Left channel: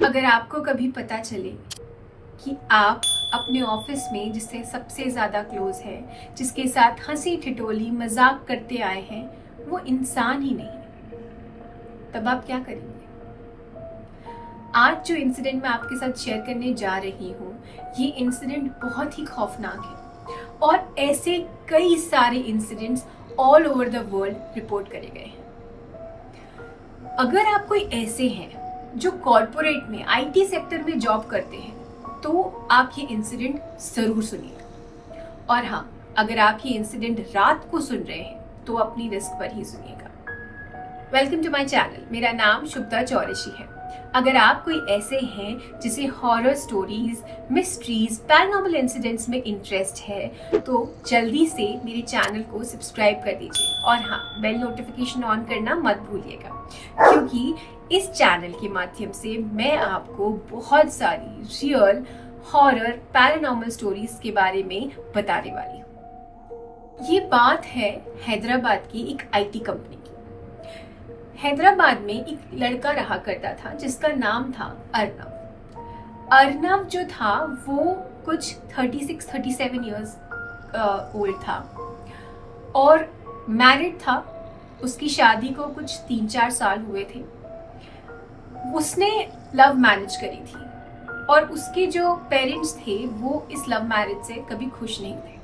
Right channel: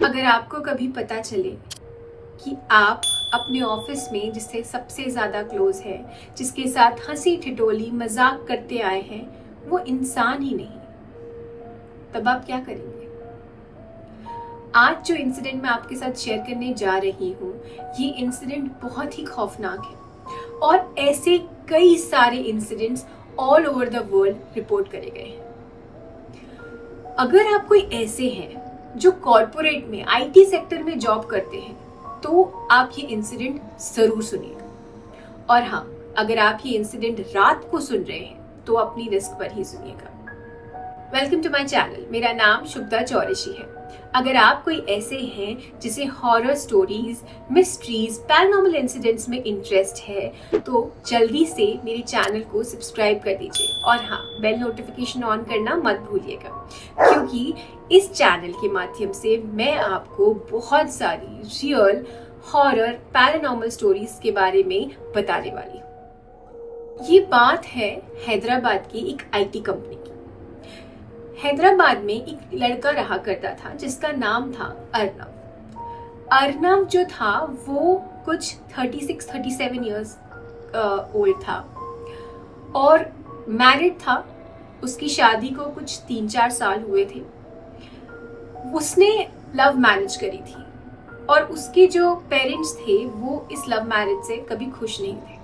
अगर आपको कभी पता चले कि आप अपने ऑफिस में जिससे सबसे ज़्यादा क्लोज है, जिसके साथ हंसी ठिठोली मजाक करते आए हैं, वो इंसान ही नहीं, तब आप क्या करेंगे? आज जो इंसिडेंट मैं आपके साथ शेयर करने जा रही हूँ, ये इंसिडेंट बहुत ही खौफनाक है और ऐसे कई सारे incidents all over the world report करे गए हैं। अगर आप कोई ऐसे हैं जो कॉर्पोरेट में आईटी सेक्टर में जॉब करते हैं, तो आप ये इंसिडेंट जरूर सुनिएगा। और हाँ, अगर आप ये इंसिडेंट रात को सुन रहे हैं तो अपनी रिस्क पर ही सुनिएगा। Welcome to my channel. मेरा नाम शुभदा चौरशी है। अगर आप कोई ऐसे हैं जिसे horror stories, mysteries, paranormal incidents में इंटरेस्ट है, तो जल्दी से मेरे चैनल को सब्सक्राइब कर दीजिए और हाँ, बेल नोटिफिकेशन ऑन करना मत भूलिएगा, क्योंकि इस चैनल के माध्यम से मैं आपको बहुत सारी रियल हॉरर पैरानॉर्मल स्टोरीज के बारे में बताने वाली हूँ। ये बात है हैदराबाद की एक आईटी कंपनी की। हैदराबाद में एक लड़का रहा करता था जिसका नाम था अर्नव। अर्नव जो था वो कुछ 36-37 इयर्स ओल्ड था और मैरिड था। उसकी शादी को कुछ 3-4 साल हुए थे। उसने लव मैरिज करी थी और उसके जो पेरेंट्स थे वो इस लव मैरिज से कभी खुश नहीं थे।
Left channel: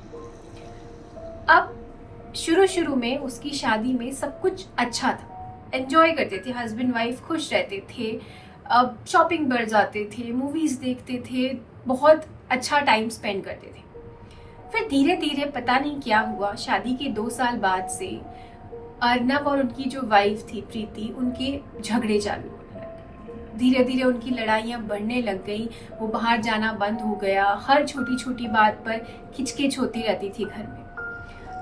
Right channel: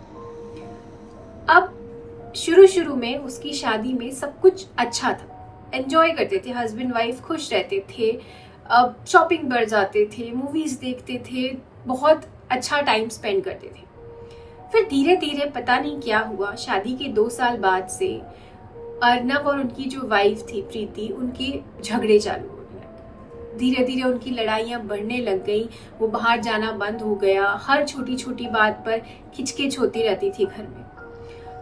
अब शुरू में उसकी शादी में सब कुछ अच्छा था, एंजॉय करते थे, हस्बैंड वाइफ खुश रहते थे, अब शॉपिंग पर जाते थे, मूवीज देखते थे, बहुत अच्छा टाइम स्पेंड करते थे। फिर धीरे धीरे पता नहीं क्या हुआ, शादी के 2 साल बाद से अर्नव और उनकी जो वाइफ थी प्रीति, उनके झगड़े चालू होने लगे। धीरे धीरे उनकी लड़ाइयाँ बढ़ने लग गई। वो बाहर जाना बंद हो गया। हर छोटी छोटी बात पर खिचकिच होती रहती थी घर में।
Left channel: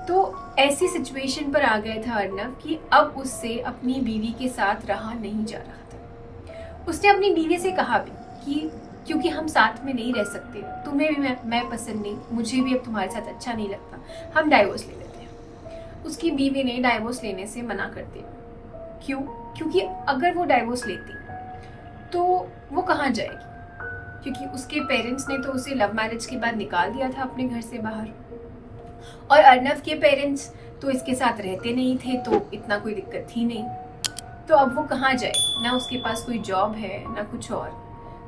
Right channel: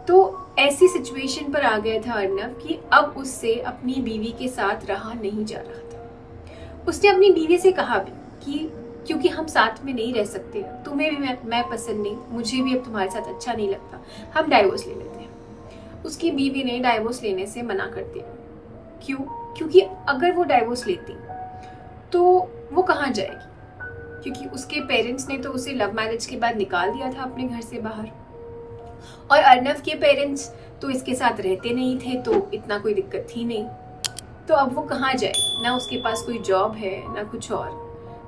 तो ऐसी सिचुएशन पर आ गया था अर्नव कि अब उससे अपनी बीवी के साथ रहा नहीं जा रहा था। उसने अपनी बीवी से कहा भी कि क्योंकि हम साथ में नहीं रह सकते, तुम्हें भी मैं पसंद नहीं, मुझे भी अब तुम्हारे साथ अच्छा नहीं लगता, हम डाइवोर्स ले लेते हैं। उसकी बीवी ने डाइवोर्स लेने से मना कर दिया। क्यों? क्योंकि अगर वो डाइवोर्स लेती तो वो कहाँ जाएगी, क्योंकि उसके पेरेंट्स ने तो उसे लव मैरिज के बाद निकाल दिया था अपने घर से बाहर, और अर्नव के पेरेंट्स तो इसके साथ रहते नहीं थे, तो इतना कोई दिक्कत थी नहीं। तो अब वो कहाँ जाए, ना उसके पास कोई जॉब है ना कुछ और।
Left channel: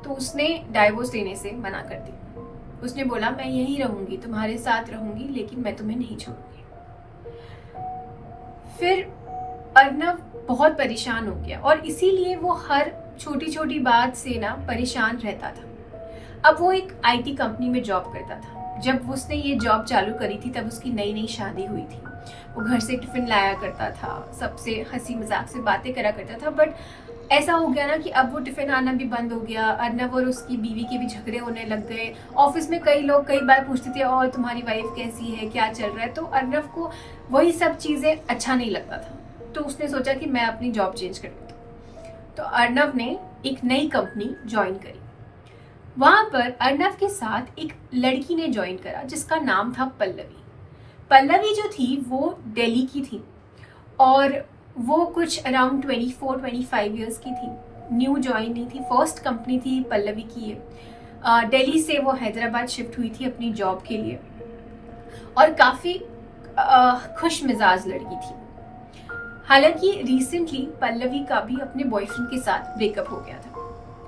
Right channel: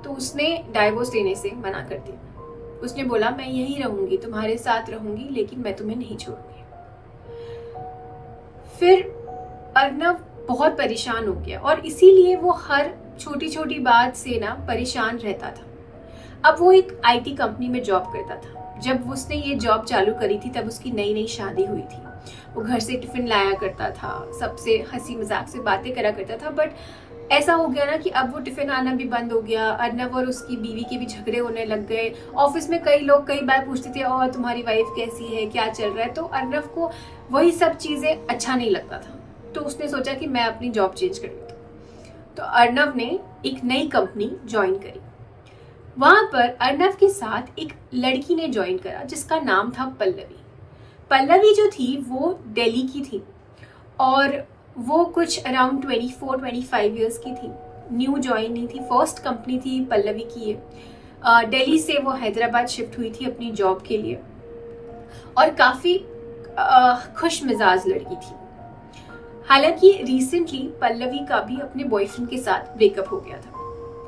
तो उसने डाइवोर्स लेने से मना कर दिया। उसने बोला, मैं यहीं रहूंगी, तुम्हारे साथ रहूंगी, लेकिन मैं तुम्हें नहीं छोड़ूंगी। फिर अर्नव बहुत परेशान हो गया और इसीलिए वो हर छोटी छोटी बात से ना परेशान रहता था। अब वो एक आईटी कंपनी में जॉब करता था। जब उसने ये जॉब चालू करी थी तब उसकी नई नई शादी हुई थी। वो घर से टिफिन लाया करता था, सबसे हंसी मजाक से बातें करा करता था। बट ऐसा हो गया ना कि अब वो टिफिन आना भी बंद हो गया। अर्नव और उसकी बीवी के भी झगड़े होने लग गए। ऑफिस में कई लोग कई बार पूछते थे, और तुम्हारी वाइफ कैसी है, क्या चल रहा है। तो अर्नव को वही सब चीजें अच्छा नहीं लगता था। तो उसने सोचा कि मैं अपनी जॉब चेंज कर लेता हूँ। तो अर्नव ने एक नई कंपनी ज्वाइन करी। वहां पर अर्नव के साथ एक लड़की ने ज्वाइन करा जिसका नाम था पल्लवी। पल्लवी जो थी वो दिल्ली की थी और वो कुछ अराउंड 24-25 इयर्स की थी। न्यू ज्वाइनिंग थी, फर्स्ट कंपनी थी पल्लवी की ये। दिल्ली से वो हैदराबाद शिफ्ट हुई थी अपनी जॉब के लिए और काफी खुश मिजाज लड़की थी। हालांकि रिसेंटली पल्लवी का भी अपने बॉयफ्रेंड के साथ ब्रेकअप हो गया था।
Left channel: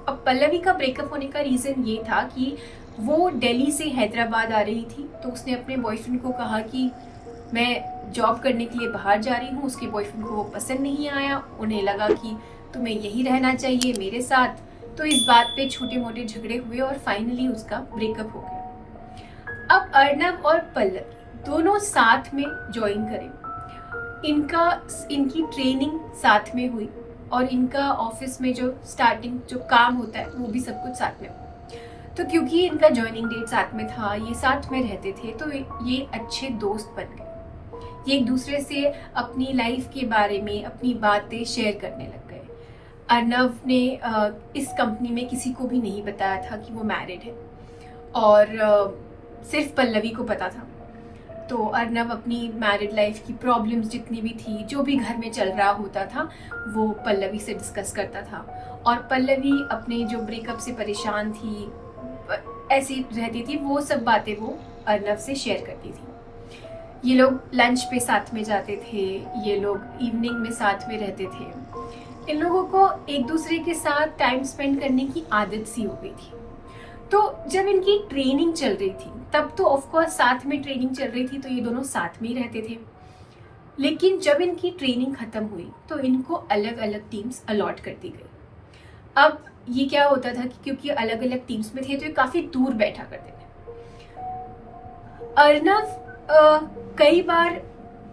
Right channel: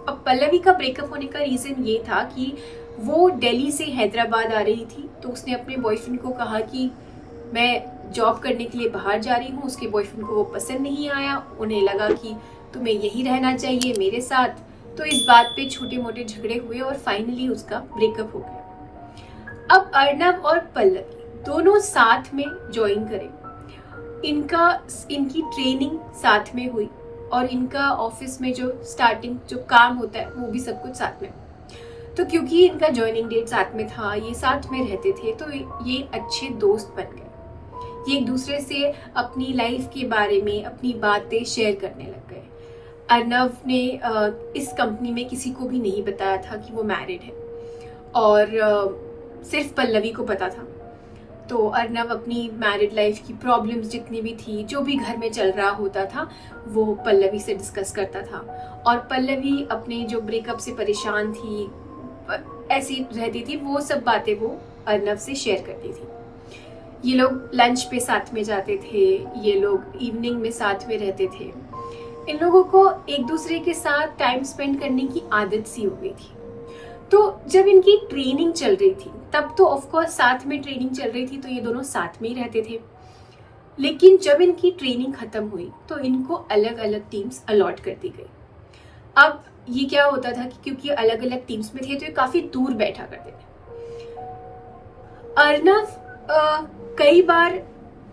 अब पल्लवी का ब्रेकअप होने का रीजन ये था कि वो दिल्ली से हैदराबाद आ रही थी। तो उसने अपने बॉयफ्रेंड को कहा कि मैं जॉब करने के लिए बाहर जा रही हूँ। उसके बॉयफ्रेंड को वो पसंद नहीं आया। उन्हें लगा कि तुम्हें यही रहना चाहिए मेरे साथ। तो इस बात पे छोटे मोटे झगड़े हुए और फाइनली उसका ब्रेकअप हो गया। अब अर्नव और पल्लवी दोनों साथ में ज्वाइन करें। इनकी ट्रेनिंग साथ में हुई और इनका ऑफिस में जो स्टार्टिंग जो काम होता है वो भी सब कुछ साथ में हुआ। तो क्योंकि इनका ज्वाइनिंग डेट साथ में था, ये साथ में रहते थे, तो ये अच्छे दोस्त बन गए। ये एक दूसरे से अपनी लाइफ के बारे में अपनी बातें शेयर करने लग गए। अर्नव ने इस कंपनी में किसी को भी नहीं बताया था कि वो मैरिड है और सिर्फ पल्लवी को पता था। तो अर्नव अपनी मैरिड लाइफ की प्रॉब्लम्स जितनी भी थी, जो भी घर में चल रहा होता था, वो पल्लवी से डिस्कस करता था। और पल्लवी अपने जो ब्रेकअप से परेशान थी, ऐसी रहती थी, वो सब बातें वो अर्नव से शेयर करती थी। ये लोग लंच पे साथ में जाते थे, ये लोग इवनिंग में साथ में रहते थे। इन लोगों को एक दूसरे के साथ टाइम स्पेंड करने की आदत सी हो गई थी। तो जब इनकी ट्रेनिंग चल रही थी, तब तो ऑफ कोर्स साथ में ट्रेनिंग चल रही थी, तो ये दोनों साथ में ही रहते थे। लेकिन जब इनकी ट्रेनिंग खत्म हुई तो इनको अलग अलग टीम्स अलॉट कर दी गई। अब ये क्या होता था कि क्योंकि अलग अलग टीम्स में थे, तो ये काफी दूर बैठा करते थे। अर्नव कई बार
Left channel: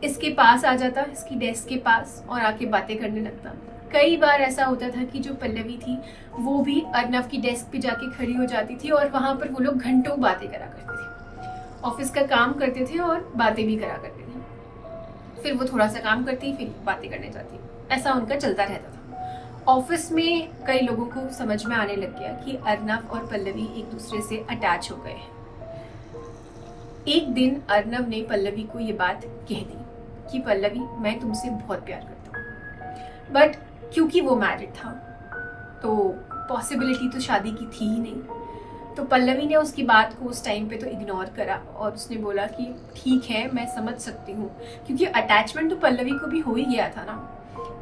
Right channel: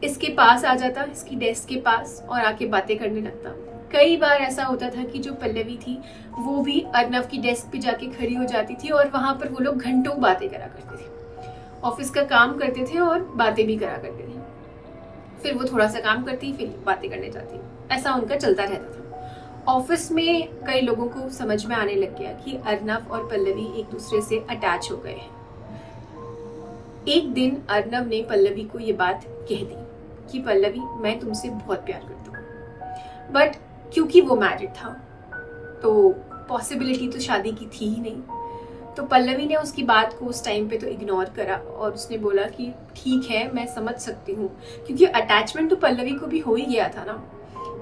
इसके पास आ जाता, इसकी डेस्क के पास, और आके बातें करने लगता। कई बार ऐसा होता था कि जो पल्लवी थी वो भी अर्नव की डेस्क पे जाके खड़ी हो जाती थी, और वहां पर वो लोग घंटों बातें करा करते थे। ऑफिस का काम करते थे और बातें भी करा करते थे। फिर वो थोड़ा सा काम करती, फिर बातें करने जाती। ऐसा उनका चलता रहता था। ऑफिस में कई लोगों को समझ में आने लग गया कि अर्नव और पल्लवी एक दूसरे से अटैच हो गए हैं। एक दिन अर्नव ने पल्लवी को ये बात कह दी कि पल्लवी, मैं तुमसे बहुत प्यार करता हूँ। बट क्योंकि वो मैरिड था तो पॉसिबिलिटी तो शादी की थी ही नहीं। तो पल्लवी ने उसकी बात को उस टाइम पे तो इग्नोर करा, और उसने बोला कि ठीक है, मैं समझ सकती हूँ, क्योंकि अटैचमेंट तो पल्लवी को भी हो ही गया था ना।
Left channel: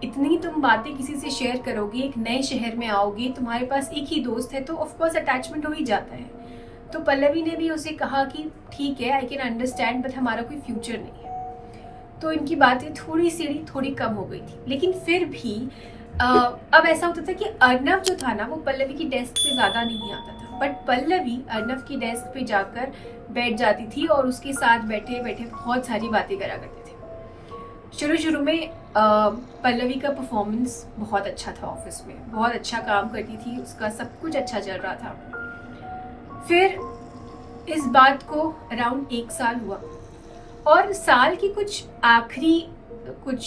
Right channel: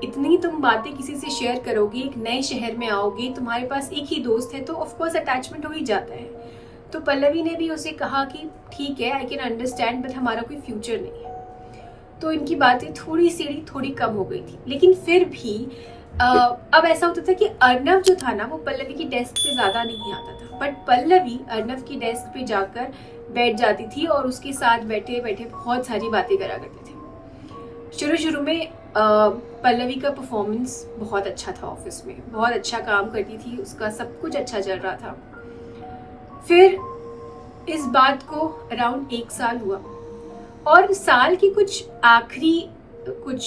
इतनी तुम बातें किसी से शेयर करोगे, एक नए शहर में आओगे, तुम्हारे पास एक ही दोस्त है, तो ऑफकोर्स अटैचमेंट हो ही जाता है। तो पल्लवी ने भी उसे कहा कि ठीक है, आई कैन अंडरस्टैंड, बट हमारा कोई फ्यूचर नहीं है। तो इनकी बातें थोड़ी कम हो गई थी। लेकिन फिर भी अब ऐसा होता था कि अर्नव जो था ना, वो पल्लवी की डेस्क पे ज्यादा नहीं आता था, बट पल्लवी अर्नव की डेस्क पे जाकर बैठ जाती थी और उसके साथ बैठे बैठे बहुत सारी बातें करा करते थे। शुरू में पल्लवी का परफॉर्मेंस बहुत अच्छा था, ऑफिस में बहुत अच्छा काम करती थी, उसका सब कुछ अच्छा चल रहा था। फिर इस बात को अराउंड 1 साल हुआ, और साल की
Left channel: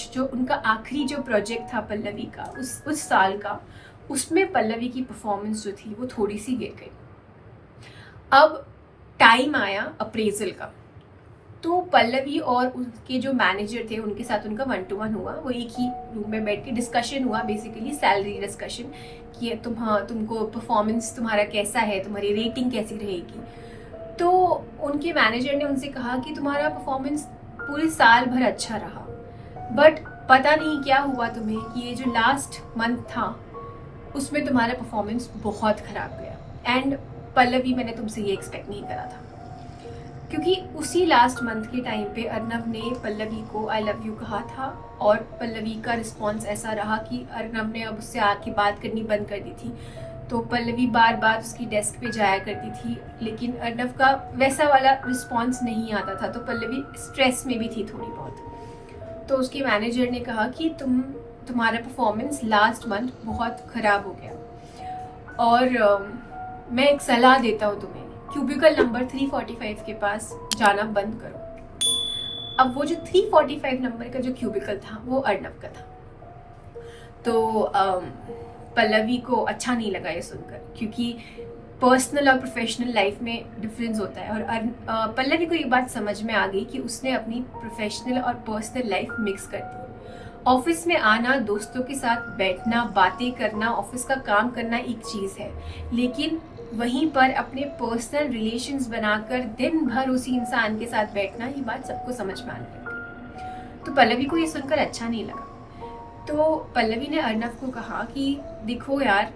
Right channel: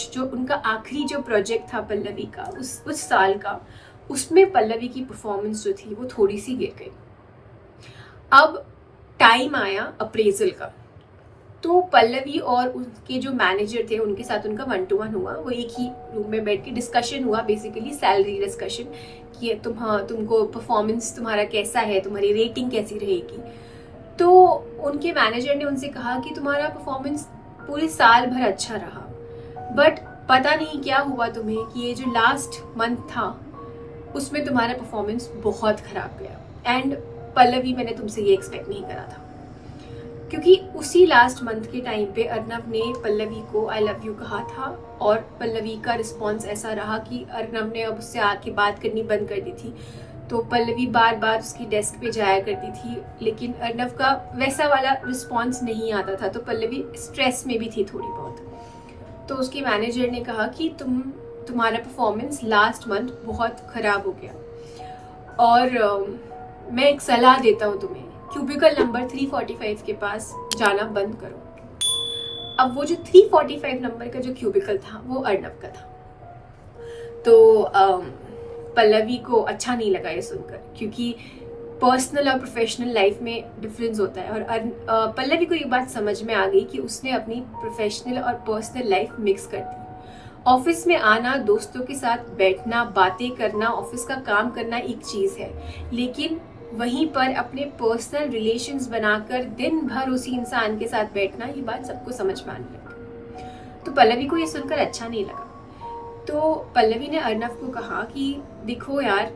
जो उनका आखिरी जो प्रोजेक्ट था पल्लवी का, उस साल का, उसमें पल्लवी की परफॉर्मेंस जो थी वो थोड़ी सी गिर गई। अब टाइम आया अप्रेजल का, तो पल्लवी और उनके जो मैनेजर थे उनके साथ उनका 1-to-1 हुआ। वो एक ही रूम में बैठ के डिस्कशन हुआ, बेसिकली सैलरी डिस्कशन, कि तुमको परफॉर्मेंस तुम्हारा कैसा है, तुम्हारी रेटिंग कैसी रहेगी। तो उनके मैनेजर ने उनसे कहा कि तुम्हारा परफॉर्मेंस पूरे साल भर अच्छा रहा, बट पता नहीं क्या हुआ तुम्हें कि ये जो लास्ट मंथ था उसमें तुम्हारा परफॉर्मेंस बहुत खराब गया। एंड पल्लवी, मैंने तुमसे ये एक्सपेक्ट नहीं करा था, क्योंकि उसी लास्ट मंथ के टाइम पे अर्नव ने पल्लवी को आई लव यू कहा था, और पल्लवी का रिस्पॉन्स ऐसा रहा कि अर्नव ने अब उससे आके बात करनी बंद कर दी थी। तो पल्लवी बार बार उसकी डेस्क पे जाया करती थी, लेकिन अर्नव का वैसा वाला रिस्पॉन्स नहीं आता था। तो पल्लवी स्ट्रेस में भी थी थोड़ी बहुत। तो उसके मैनेजर ने कहा कि तुम्हारा परफॉर्मेंस लास्ट मंथ बहुत ख़राब हो गया, और मैं एक सलाह देता हूँ तुम्हें, क्यूबिकल नंबर 345 के पास जाना बंद करो। अब वो जो 345 नंबर का जो क्यूबिकल था वो अर्नव का था। तो पल्लवी को अच्छा नहीं लगा ये सुनकर, क्योंकि पर्सनल और प्रोफेशनल लाइफ में डिफरेंस होता है। और पल्लवी को ये बात समझ में आ गई कि उसने अपनी प्रोफेशनल और पर्सनल लाइफ मिक्स कर दी। ऑफिस में आना, दोस्तों के साथ बैठना, बातें करना, ऑफिस का काम करना एक चीज़ है, लेकिन वहीं पर अपने पर्सनल रिलेशंस बनाकर दिन भर उसी इंसान के साथ बैठना, ये बात सबको समझ में आने लगी। तो पल्लवी को ये सुनकर अच्छा नहीं लगा। तो पल्लवी ने अर्नव को कहा कि देखो यार,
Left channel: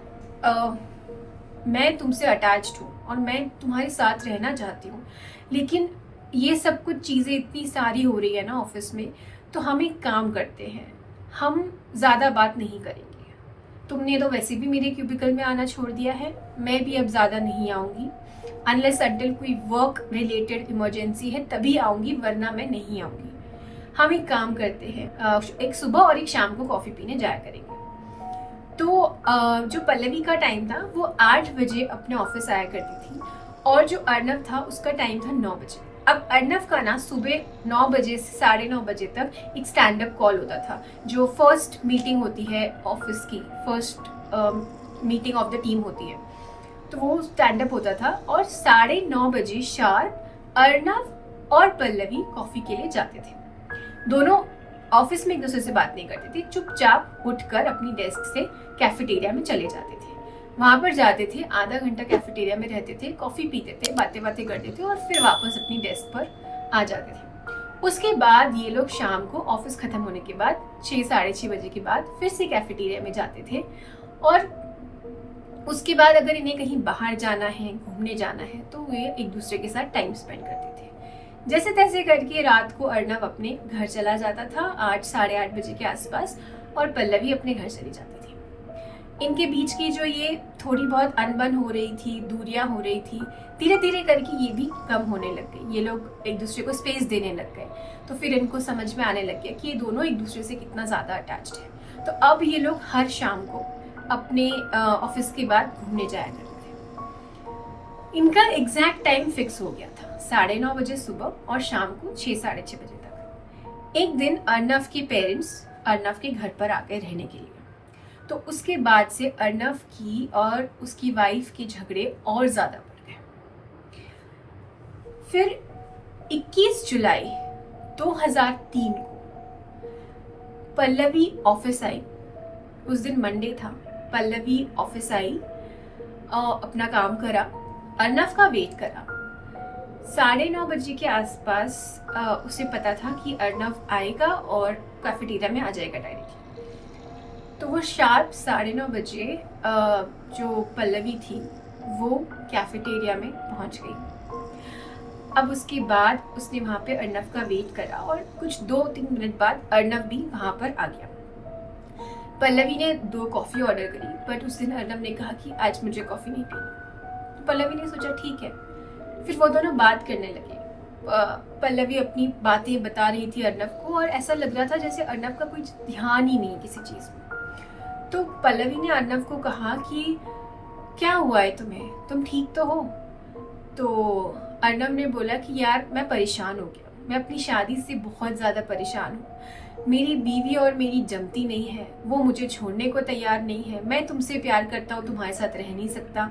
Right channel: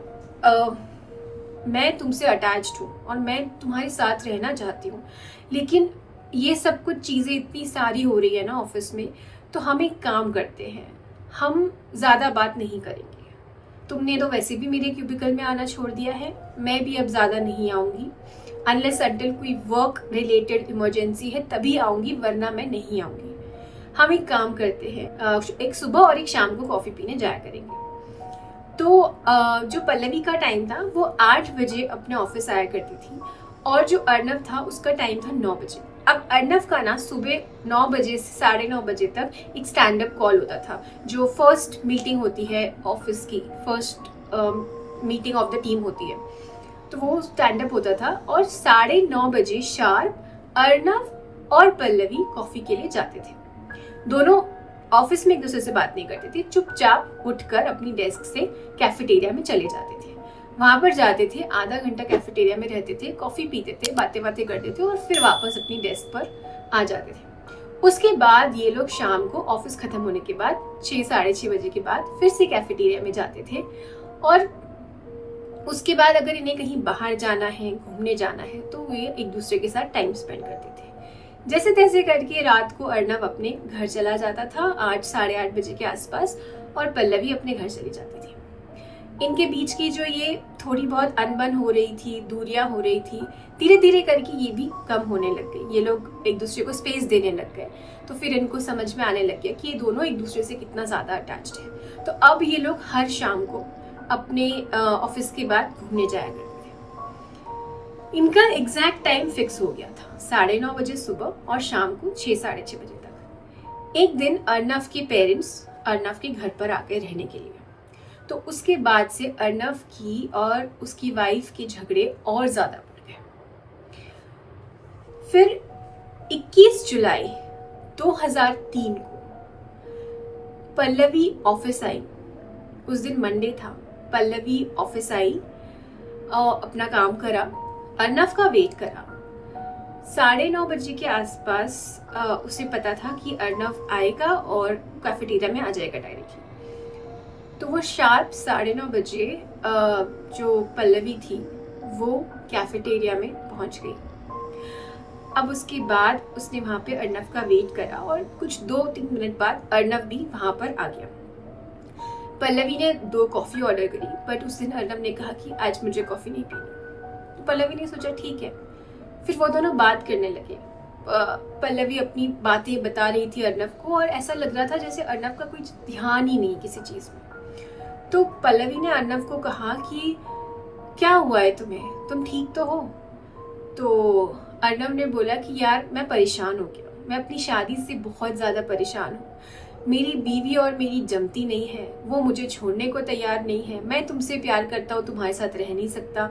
मैं तुमसे अटैच्ड हूँ और मैं तुम्हारे साथ रहना चाहती हूँ, लेकिन ये सब कुछ चीज़ें इतनी सारी हो रही है ना ऑफिस में, तो हम एक काम करते हैं, हम ज़्यादा बात नहीं करेंगे। तुमने तो वैसे भी मेरे क्यूबिकल में आना छोड़ दिया है, मैं भी अब ज़्यादा नहीं आऊँगी, अनलेस अनटिल कोई वर्क रिलेटेड इमरजेंसी है तभी आऊँगी, वरना मैं नहीं आऊँगी। हम एक काम करते हैं, एक सुबह और एक शाम को कॉफ़ी पीने जाया करेंगे। तो जो पल्लवी का टाइम था वो 8 बजे अपने ऑफिस आया करती थी, और जो अर्नव था उसका टाइम था 9 बजे। अब अर्नव का ना सुबह 9 बजे से 9:30 बजे तक एक स्टैंड अप कॉल होता था, जो फर्स्ट मीटिंग होती है ऑफिस की, first meeting of the team होती है। तो वो स्टैंड अप होता था, और 9:30 बजे शार्प अर्नव और पल्लवी कॉफी के लिए जाते थे। दोनों ऑफिस में एक दूसरे से बात नहीं करते थे, चुपचाप उठकर अपनी डेस्क से कैफेटेरिया में चले जाते थे। वहां पर जाते थे, आधा घंटा कैफेटेरिया में रहते थे, कॉफी पीते थे, बातें बातें करते थे और फिर वापस अपनी डेस्क पर आ जाते थे। उसके बाद ये लोग शाम को ऑफिस खत्म होने के बाद 6 साढ़े 6 बजे के बाद फिर से कैफेटेरिया में जाते थे और उसके बाद अगर इन्हें कहीं बाहर जाना है, घूमने जाना है, तो वे एक दूसरे के साथ टाइम स्पेंड करते थे। जैसे तैसे करके रात को अर्नव अपने घर चला जाता था 8 साढ़े 8 बजे के आसपास और पल्लवी अपने घर चली जाती थी। इनके बीच की जो ये थोड़ी बहुत अनबन हो रही थी, दूरियां हो रही थी, धीरे धीरे करके ये भी कम होने लग गई। ये लोग एक दूसरे को स्पेस देने लग गए। तो फिर इनको समझ में आने लग गया कि ये दोनों एक दूसरे से कितना ज़्यादा अटैच्ड है। तो अब ये लोग हर शाम को अपने ऑफिस के बाद घूमने जाया करते थे। इनका एग्जैक्ट टाइम फिक्स हो गया था, 9:30 बजे सुबह और शाम को 6 साढ़े 6 बजे तक। एक दिन अर्नव के पेरेंट्स अर्नव के घर पर आकर रहने के लिए, तो उसके बाद से अर्नव की और उसकी वाइफ के झगड़े और ज़्यादा बढ़ गए। फिर 21 जुलाई 2003 को पल्लवी ऑफिस आई। उस दिन मंडे था। पल्लवी ऑफिस आई और अपना काम करा, अर्नव का वेट करा। 9:30 बजे के आसपास उसे पता था कि अर्नव आएगा और कैफेटेरिया में आ जाएगा डायरेक्टली। तो वो शार्प 9:30 बजे जो पल्लवी थी वो कैफेटेरिया में पहुंच गई। अब उसके बाद उसने वहां पे अर्नव का वेट करा और कुछ 2-3 मिनट बाद अर्नव भी वहां पर आ गया। पल्लवी ने 2 कॉफी ऑर्डर करी, बट उस दिन अर्नव ने कहा कि आज मुझे कॉफी नहीं पीनी। तो पल्लवी ने सोचा ठीक है। फिर वो दोनों बात करने लगे। पल्लवी अपनी बातें बता रही थी अर्नव को और ऐसा लग रहा था जैसे अर्नव का कोई ध्यान ही नहीं किसी चीज में। तो पल्लवी ने अर्नव को कहा कि क्या हुआ है तुम्हें, तुम ठीक तो हो? तो अर्नव ने बोला कि यार मैं परेशान हो गया, मैं अपनी शादी से बहुत ज्यादा परेशान हूँ। मेरी बीवी और मेरी जमती नहीं है, वो मुझे छोड़ने को तैयार नहीं है। मैं तुमसे प्यार करता हूँ, तुम्हारे साथ रह नहीं सकता।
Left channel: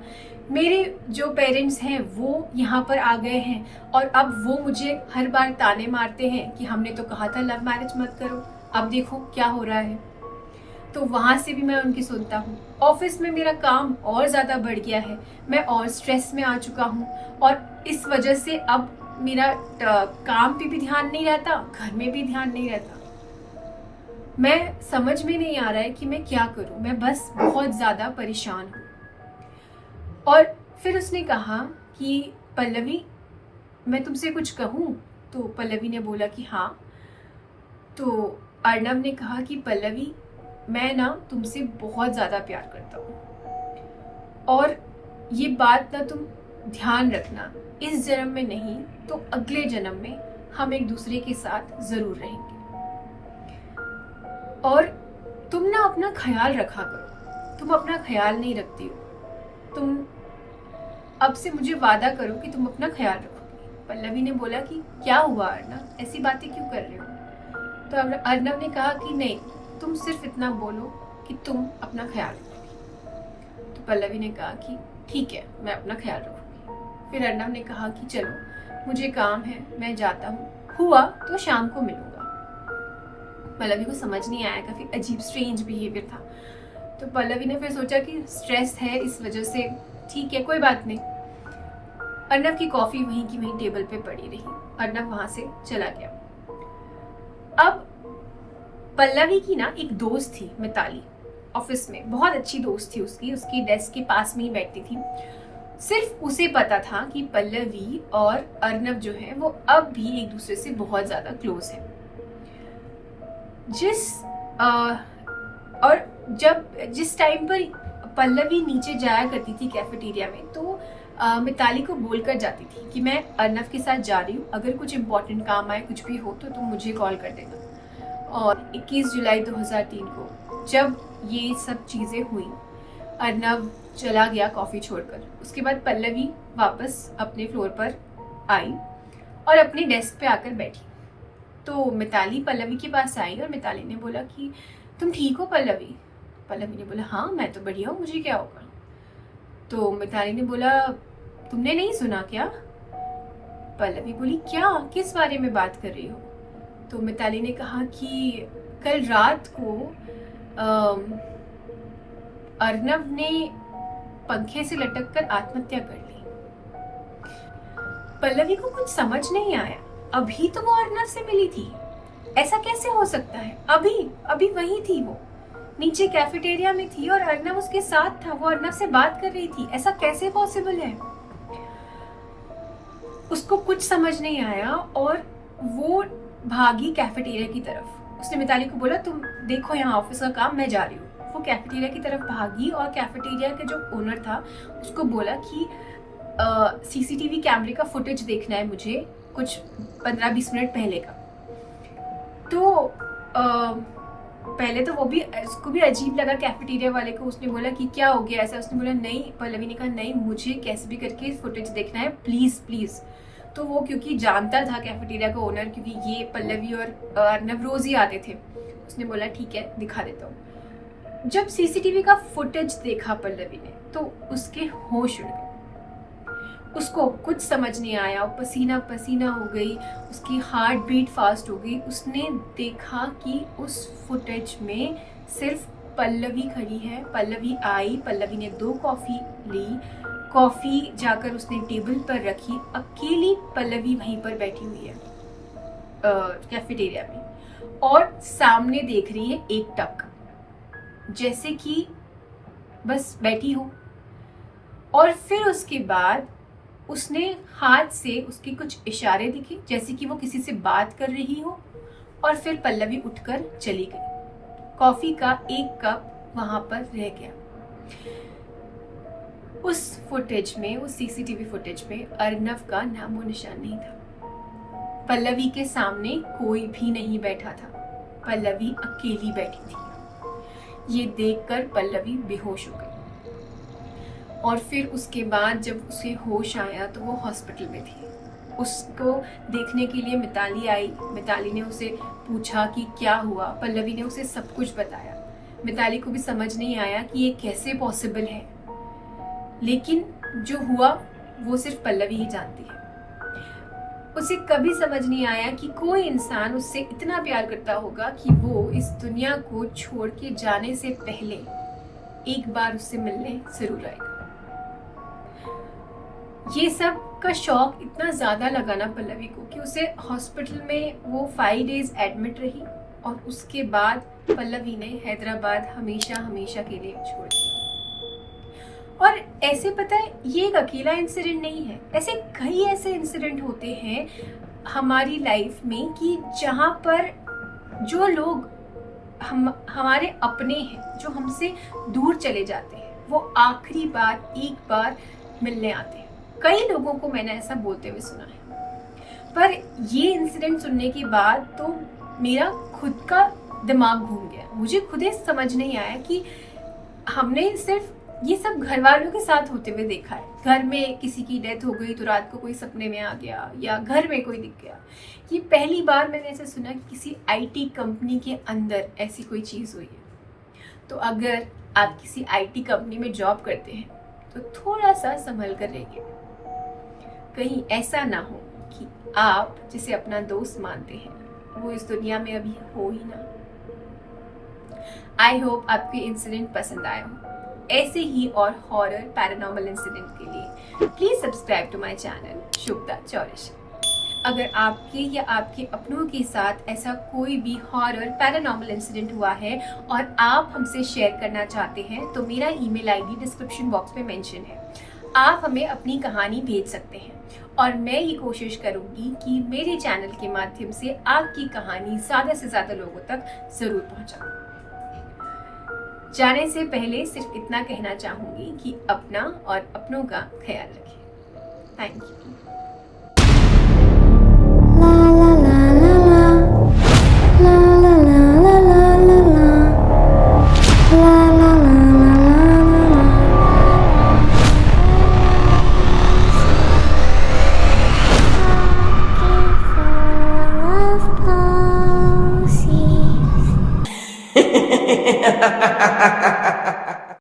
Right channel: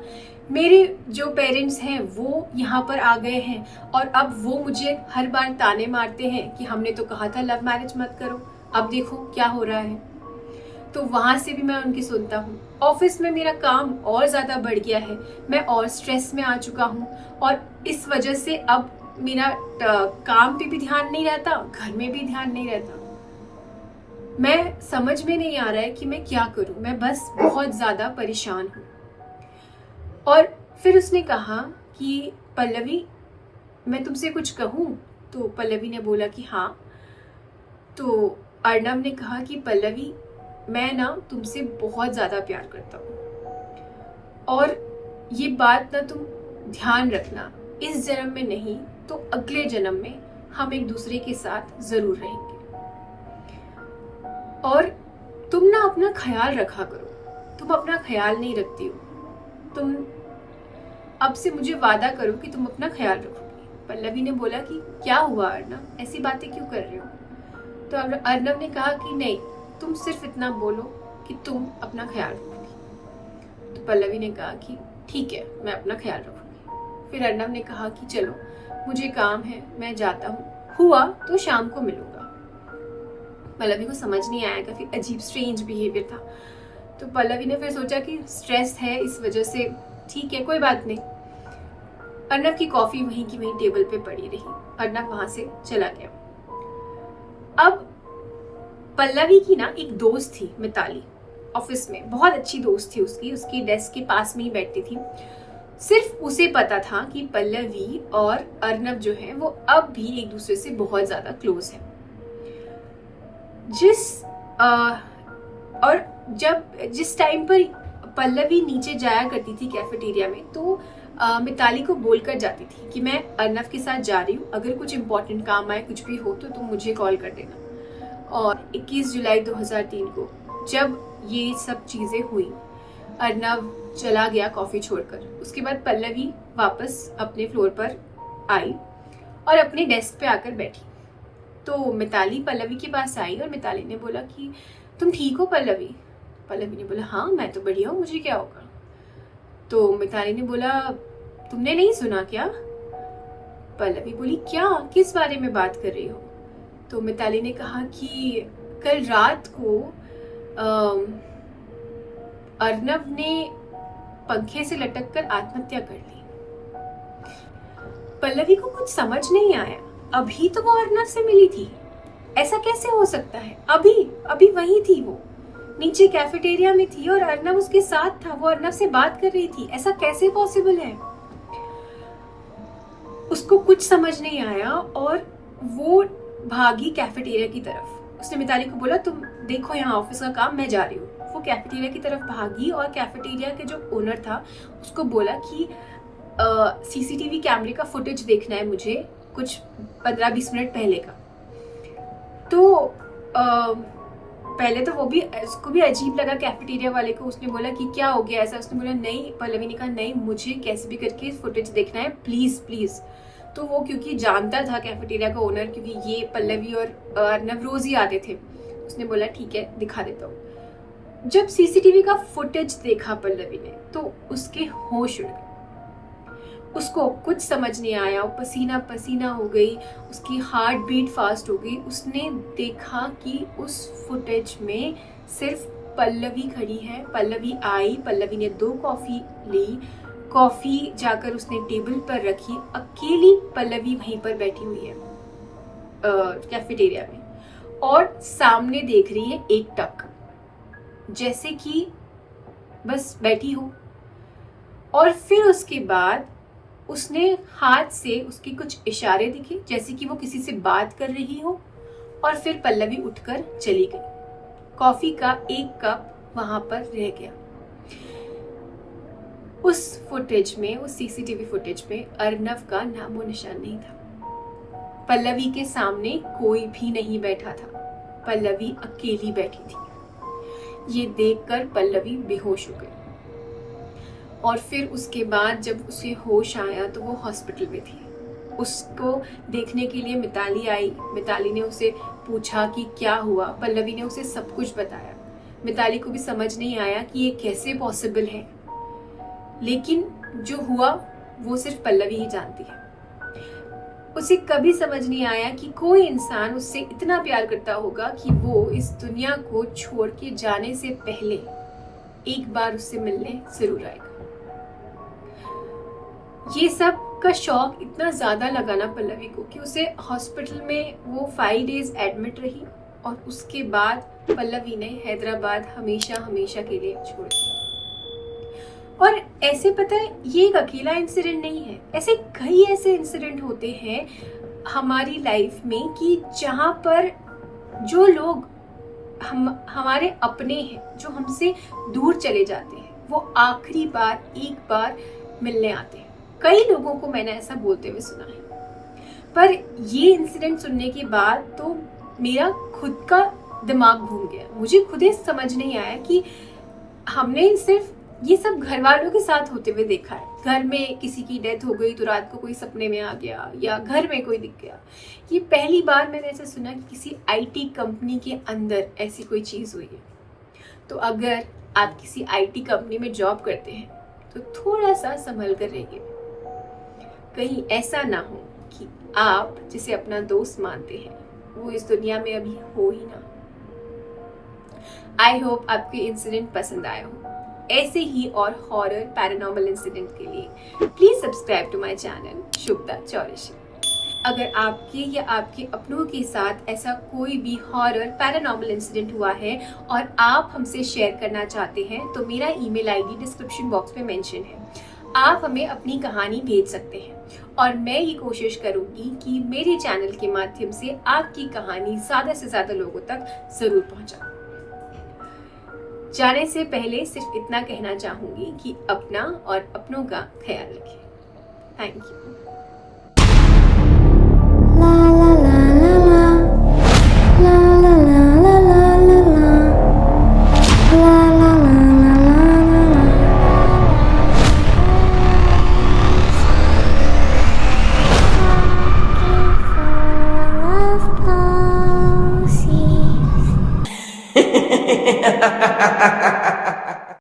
मेरे जो पेरेंट्स हैं वो यहाँ पर आ गए हैं और अब वो मुझे हर बार ताने मारते हैं कि हमने तो कहा था लव मैरिज मत करो, अब देखो क्या हो रहा है। तो वहां से भी मैं उनकी सुनता हूँ। ऑफिस में मेरा काम और ज्यादा बढ़ गया है, मैं और स्ट्रेस में आ चुका हूँ और इस वजह से अब मेरा काम पे भी ध्यान नहीं रहता, घर में भी ध्यान नहीं रहता। मैं समझ में नहीं आ रहा है कि मैं क्या करूं, मैं बस बहुत ज्यादा परेशान हूं। और फिर उसने कहा कि पल्लवी मैं तुमसे कुछ कहूं? तो पल्लवी ने बोला कि हाँ। तो अर्नव ने कहा कि पल्लवी मैं ना तुमसे बहुत ज्यादा प्यार करता हूं और ये बात ना तुम ध्यान रखना, इस जन्म में नहीं तो अगले जन्म में हम एक दूसरे के साथ जरूर रहेंगे और तुम ना अपना ख्याल रखा करो। तुम अपना ख्याल नहीं रखती हो, तुम अब से मुझे वादा करो कि तुम अपना ख्याल रखोगी। पल्लवी ने बोला कि क्या हुआ अर्नव, ऐसी बातें क्यों कर रहे हो? तो अर्नव ने कहा कि नहीं, तुम सिर्फ इतना बोलो कि तुम अपना ख्याल रखोगी। तो पल्लवी ने कहा कि ठीक है, मैं अपना ख्याल रखूंगी। फिर अर्नव ने कहा कि चलो मुझे काम है, मैं जाता हूँ, हुआ तो शाम को मिलूंगा। पल्लवी को समझ नहीं आया, काफी अजीब स्ट्रेंज बिहेवियर था। तो पल्लवी ने फिर सोचा कि स्ट्रेस है इस वजह से, ठीक है कोई बात नहीं। अर्नव की कॉफी वहीं की वहीं टेबल पे पड़ी रही। अर्नव वहां से चला गया। अब पल्लवी की ना एक दोस्त थी मिताली, ऑफिस में बहुत अच्छी दोस्त थी उसकी डेस्क के पास में ही बैठती थी। सिर्फ उसे पता था कि पल्लवी और अर्नव जो है वो अब भी एक दूसरे से बहुत ज्यादा क्लोज है। जिस टाइम पर पल्लवी नीचे जाया करती थी कैफेटेरिया में, तो मिताली को बोलकर जाती थी कि मैं अर्नव के साथ जा रही हूँ, अगर कुछ इंपॉर्टेंट काम आए, कुछ भी हो तो तुम मुझे कॉल कर देना। और 21 जुलाई 2003 को जब ये सब चीजें हुई, अर्नव चला गया कॉफी छोड़कर। उसके बाद पल्लवी वापस अपने फ्लोर पर आई और अपने डेस्क पे आकर बैठी। तो मिताली पल्लवी के पास आई और मिताली ने बोला कि तुम ठीक हो पल्लवी? पल्लवी ने बोला हाँ मैं तो बढ़िया हूँ, मुझे क्या होगा? तो मिताली ने बोला तुमने नहीं सुना क्या? पल्लवी बोली, क्या, किस बारे में बात कर रही हो? तो मिताली ने कहा कि कल रात को अर्नव ने पंखे से लटक कर आत्महत्या कर ली। पल्लवी को कुछ समझ नहीं आया, अभी तो वो अर्नव से मिली थी, ऐसा कैसे हो सकता है? अभी वही थी, वो नीचे कैफेटेरिया में थी और अर्नव उसके साथ था, वो अर्नव से बात कर रही थी, ऐसा कैसे पॉसिबल है? उसको कुछ समझ नहीं आया और वो भागी कैफेटेरिया की तरफ। उसने मिताली को बोला, तुम देखो यहाँ ऑफिस का काम, मैं जा रही हूँ। वो कैफेटेरिया की तरफ भागी और कैफेटेरिया के जो ओनर था उसको बोला कि सीसीटीवी कैमरे का फुटेज देखना है मुझे, कुछ 15-20 मिनट पहले का। तो पहले तो उसको भी अजीब लगा कैफेटेरिया वाले को। उसने बोला कि क्या हो गया ऐसा? उसने बोला नहीं, पल्लवी ने कहा नहीं, मुझे कैसे भी करके फुटेज देखना है, प्लीज प्लीज। तो वो क्योंकि जानता था कैफेटेरिया का ओनर, क्योंकि ये पल्लवी और अर्नव रोज ही आते थे, उसने बोला ठीक है दिखा देता हूँ। जब सीसीटीवी का फुटेज देखा पल्लवी ने तो उसके होश उड़ गए, उसको कुछ समझ नहीं आया, वो पसीना पसीना हो गई, उसकी हार्ट बीट फास्ट हो गई। उसने देखा कि उस फुटेज में सिर्फ पल्लवी खड़ी है। पल्लवी आई, पल्लवी ने 2 कॉफी ली, कॉफी जाकर उसने टेबल पर रखी, अकेली पल्लवी वहीं पर बैठी हुई है कैफेटेरिया में, और सामने देख रही है एक टक, जैसे कि बस बैठी हो। और फिर उसके बाद उसने हाथ से उसके कुछ इशारे दिखे जैसे कि वो किसी से बात कर रही हो, और फिर पल्लवी उठकर चली गई। कॉफी का 1 कप वहां पर रह गया। उस फुटेज में, उस सीसीटीवी फुटेज में अर्नव का नामो निशान नहीं था। पल्लवी के सामने कोई भी नहीं बैठा था, पल्लवी अकेली बैठी थी। ये देखकर पल्लवी बेहोश हो गई। और फिर उसके बाद जब उसे होश आया तो वो हॉस्पिटल में थी। उसको देखने के लिए मिताली आई। मिताली ने उसे पूछा कि क्या हुआ। पल्लवी ने उसे सब कुछ बताया। मिताली को भी समझ नहीं आया कि ये कैसे पॉसिबल है, लेकिन जो हुआ वो सिर्फ पल्लवी ही जानती है। उसे कभी समझ नहीं आया कि कोई इंसान उससे इतना प्यार करता होगा कि वो इस दुनिया को छोड़ के जाने से पहले एक बार उससे मिलने जरूर आएगा। ये सब का शौक इतना ज्यादा लगा ना पल्लवी को कि उसे हॉस्पिटल में वो 5 डेज एडमिट रही, और उसके बाद पल्लवी ने हैदराबाद हमेशा हमेशा के लिए छोड़ दिया। और ऐसे पता है, ये एक अकेला इंसिडेंट नहीं है, ऐसे कई ऐसे इंसिडेंट होते हैं हमारी लाइफ में कि जहाँ पर जो लोग हमारे अपने हैं, जो हमसे दूर चले जाते हैं, वो आखिरी बार एक बार मिलने आते हैं। कई लोगों को मैंने ऐसा बोलते हुए सुना है। पर ये इंसिडेंट सुनने के बाद तो मेरा खुद का दिमाग घूम गया। मुझे खुद ही समझ नहीं आया कि हमने सिर्फ ये सब घर वालों के साथ होते हुए देखा है। घर में किसी की डेथ हो गई तो रात को कोई सपने में आ गया, या घर में कोई दिख गया। ये पहली बार मैंने ऐसा सुना कि किसी आईटी कंपनी के अंदर ऐसी कोई चीज हुई है। तो अगर आप किसी आईटी कंपनी में जॉब करते हैं तो थोड़ा सा संभल कर रहिए, कहीं ऐसा ना हो कि आप जिसे अपना दोस्त मानते हैं वो इस दुनिया में अभी हो ही ना। आई होप आपके इंसिडेंट पसंद आया हो। ऐसे ही और हॉरर पैरानॉर्मल इंसिडेंट के लिए please subscribe to my channel Shubhada Chaurasia. अगर आपके या आपके अपनों के साथ ऐसा कोई भी हॉरर पैरानॉर्मल इंसिडेंट हुआ है और आप हमसे शेयर करना चाहते हैं तो मेरा ईमेल आईडी डिस्क्रिप्शन बॉक्स में मेंशन है। आप हमें अपनी कहानी भेज सकते हैं और मैं ये कोशिश करूंगी कि मेरे चैनल के माध्यम से आपकी कहानी ज्यादा से ज्यादा लोगों तक जरूर पहुंचाऊं। जाने से पहले सिर्फ इतना कहना चाहूंगी कि अपना और अपनों का ख्याल रखें। Thank you. Ha ha ha ha ha ha.